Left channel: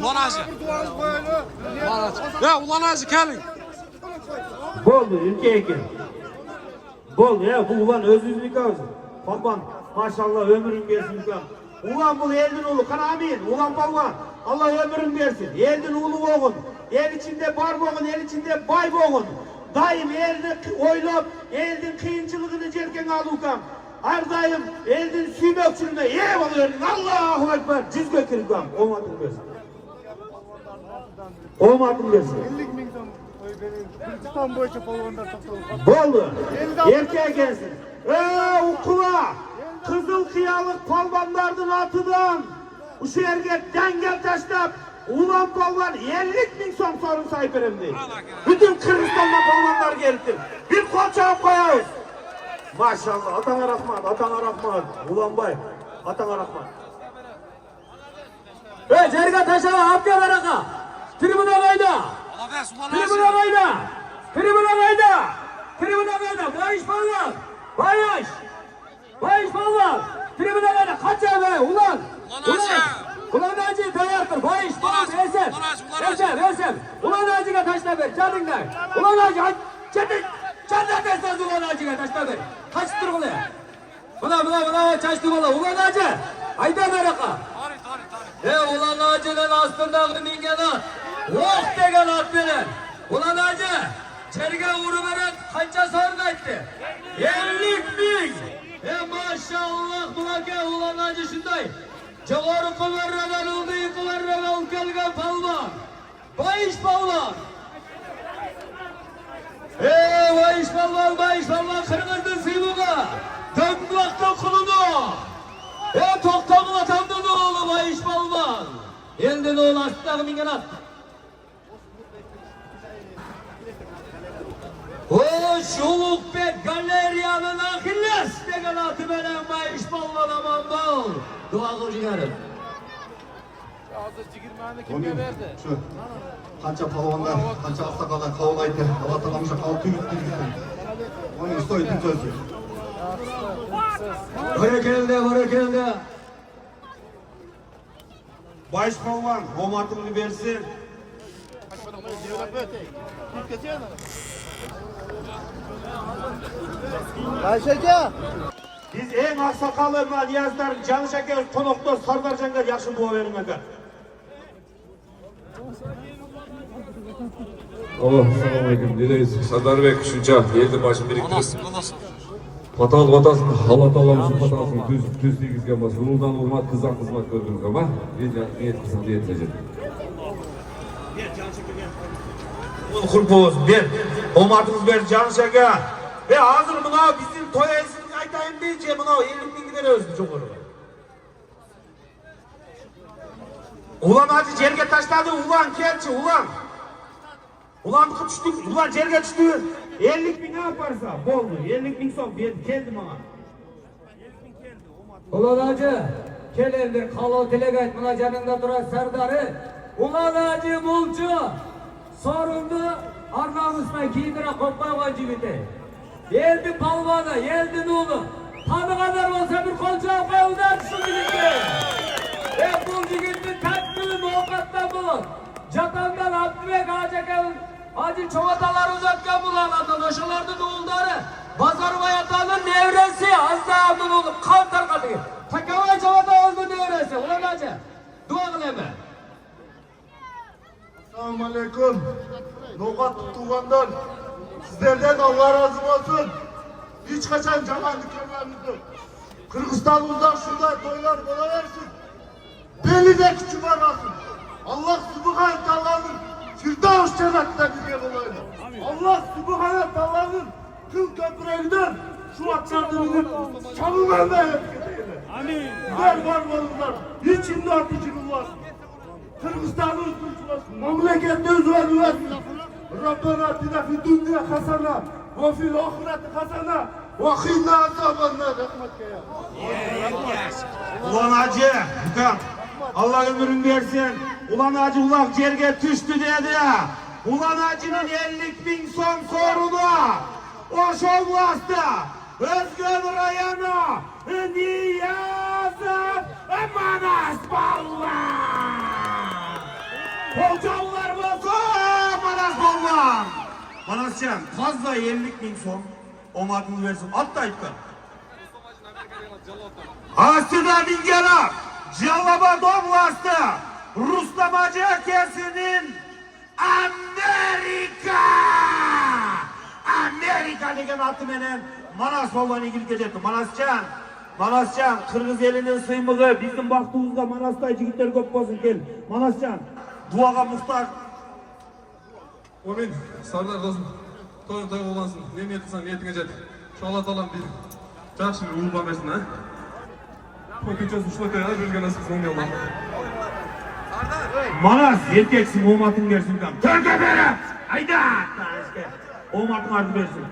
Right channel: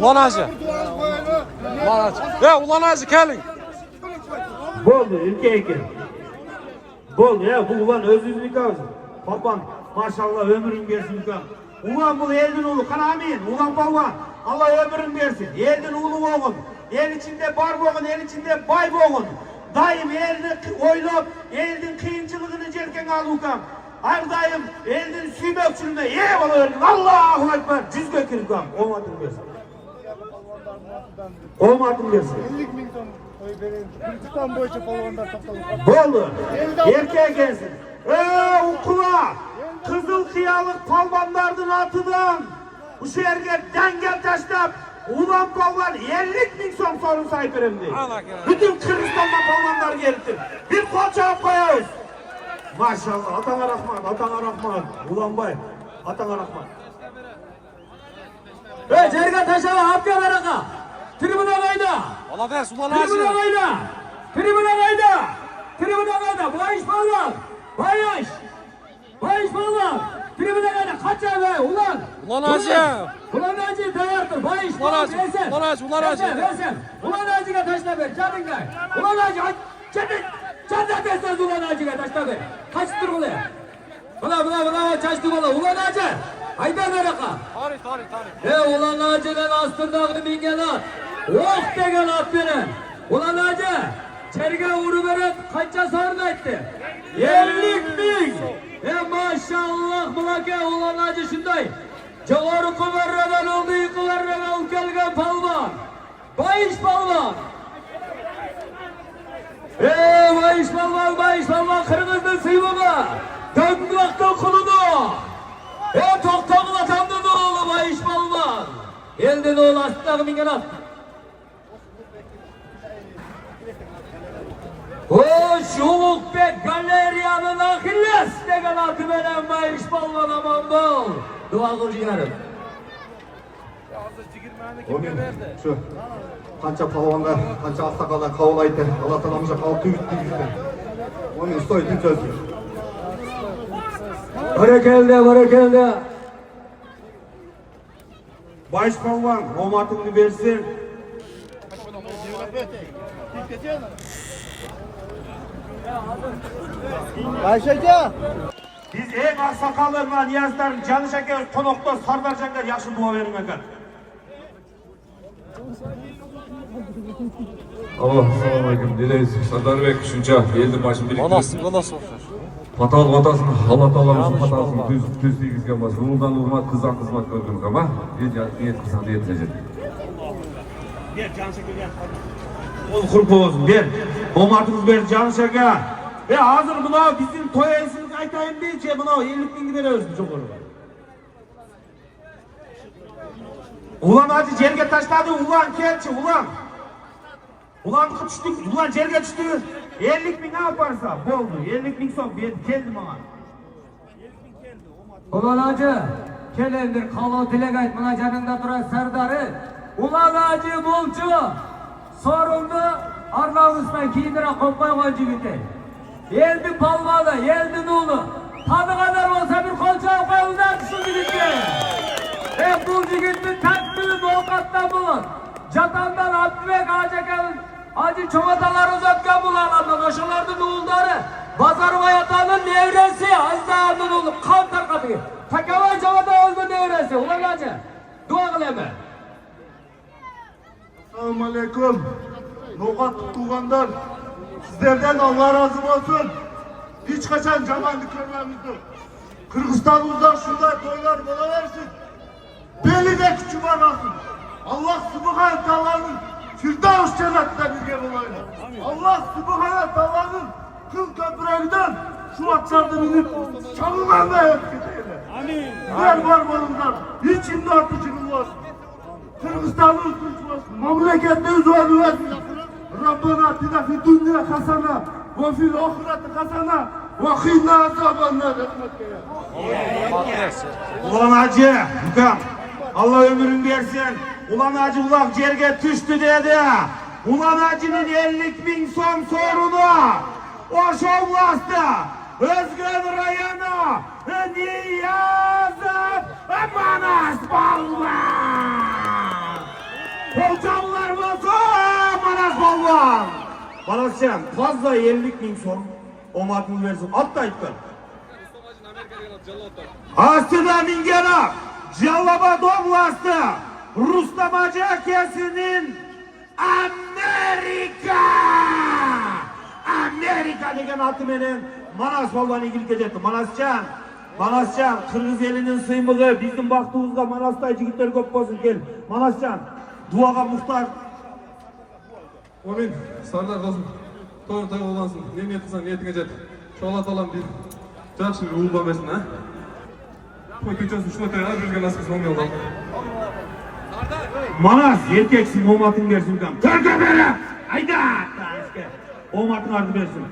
Ulan Hacı. Ya Ulan Hacı gelin. Boldu ülke. Bol ya bu ulan özünlük ağzı. Papan maşallah ömrün versin ulan. Ulan bu eldin oğlu kanamin. Ulan palvan. Allah ömrün versin. Eldin oğlu oğun. El içinde bar boğun, el içinde bay boğun. Daim elini oylap, eldin kıyınçılığını cerken alukam. Her daim eldin süymöksünme. Ye bana öldün. Allahu Ekber. Cüz gökürükam. Olmadın versin. Olmadın versin. 50 bin ton Kırgızistan boyunca balonlar topladı. Bolu. Erkeğe gelsin. Okula. Kızıl kıyalık palvanlardan atıdan. Bu şehirge dengel taşlap. Ulan palvan 50 bin son sorun sahip erimdi. Bütün Kırgızistan'dan palvanlar geldi. Bir koça koyuz. Maşallah. Atana rahmat. Atana rahmat. Ulan bay. Atana rahmat. Cerge taşa. Abdiyar araka. Tribuna kayda. Allah versin Ulan Hacı. Tribuna kayda. Tribuna kayda. Tribuna kayda. Bayış palvan. Bayış. Bayış palvan. Tribuna kayda. Kaç ya ulan. Ulan Hacı. Ulan Hacı dayaktır. Bayış. Ulan Hacı. Ulan Hacı. Ulan Hacı. Ulan Hacı'ya taşla ver. Çadın gel. Ulan Hacı. Çadın. Çadın deseniz Ulan Hacı'ya taşla ver. Kaçtır ulan. Buna çaştı ulan. Ulan Hacı. Haydi Amerika. Tarih. Ulan Hacı'dan astırda bingen at. Oh degen at veren. Ulan Hacı. Çerge vuru veren kaça sardı etti. 50 bin. Maşallah bulake Ulan Hacı şunday. Cağarı kıvarradan oldu yıkıvarradan ülkelge palvan. Bayış palvan. Bayış palvan Kırgız'ın sıymağı. Döndüğakta kulunu. Toktanı vatandı da oğlu Bayış palvan. Elden oğlu astığı bingen at. Şuluk be galeriyanın ahilles degen altı veren Bayış palvan aman bol. Dua kılcılarım. Şu kança palvanlar, kança aksakallar kavlaydı. Allah talamıza kalktı gitti. Onun üstü sözü. Barakelde. Bayış palvan, omatını versin. Ayşecan. Biz en aksakallı ve niyazlar, canı şeker, konuklar, sardarcanlar yakşı bu verin aka. Selamünaleyküm. Dileriz. Sardar Bey Kuşunca geldi başım biriktirip. Nasıl? Patal vatasın, Allah Teala'mızın patasını düz değilizken bas. Ruhundan hurmat, kızdan kızmak gördüğümüz ama niyet kızdan da yetecek. Ol kurp olsun, der. Omatımız ver can şeker. Ve hazır buna bizim toya esini kaytayım değil ki buna 50 bin gider özgür çok olur. Ulan hadi cerge taşladı, ulan kelçi, ulan. Ulan düştü, ulan cerge düştü. 50 bin ne yaparsa, boldu. 50 bin son, geldim ama. Ulan Hacı, kelendir kalı dilek aytmına canında duran serdarı. Ulan Hacı Mulcu, sorumlu Arnavut'tan giyindire kopmay koyucu bitti. Yeldin palvalı, yeldin oğlu. Tadı kadar olsa bir kolçağı koyuldan şimdi gitti. Bu gitti, tatlı avukattan bulun. Catandan Abdübek Hacı Çomatalar uzatken bulan arkadaşlarının oğulları. Bazar Vayatan'ın nevresi, Azdağ'ın oğlu, kantar katıyor. Takavay Çomata oldu nevresi, ulan Hacı. Dua kıl hemen. Selamun Aleyküm. Nokat tutulganlar. Sizlerden Allah razı olsun. Hiç kaçan camanlık görmemizdir. Kırgızistan'ımızda şurada toylar mola versin. Belide küçük arasın. Allah Subhanahu Teala'nın Firdevs cennetine bir yer olaydı. Allah Subhanahu Teala'nın kıl köprülerinden şu atçardığını çamından da hep gidelim. Amin. Ver var varlıklar. İçinde atıcının var. Kırgızistan'ın kurtulması. Memlekette üzerine versin. Rabbana atina fi dünya hasana ve fil ahireti hasana ve qina azabannar rahmetle ya. Ulan Hacı, Hükam. Allah ömrün versin. Ulan Hacı ulak cerge düştü dedi. Ulan Hacı'nın 50 bin son sorunu. O şovlasta. Özgür Rayanı. Niye Manascan fazla 50.000 so'm omadını versin. Atla iptal. Astıda Mingelap, Callaba Doblastı, Rustam Hacı Akesi'nin Amerika degen atı menen Manas Balvan'ı gültecekti. Manascan, Kırgız elinin sıymığı, bizim baktığımızda Manas'ta jigitler köp bolsun gel. Manascan, duaga muhtar. Amin. Sardar kızım. Toy olansın. Ne niyet kılsan niyetine jet. Şu Allah Taala'm bir жақсы bir uğurla versin ha. Kötücüsü şu öteye vergen nasip kılsın Allah. Manas, erkeksin, omatın versin. Törke bere! Hayda! Omatın ardı versin.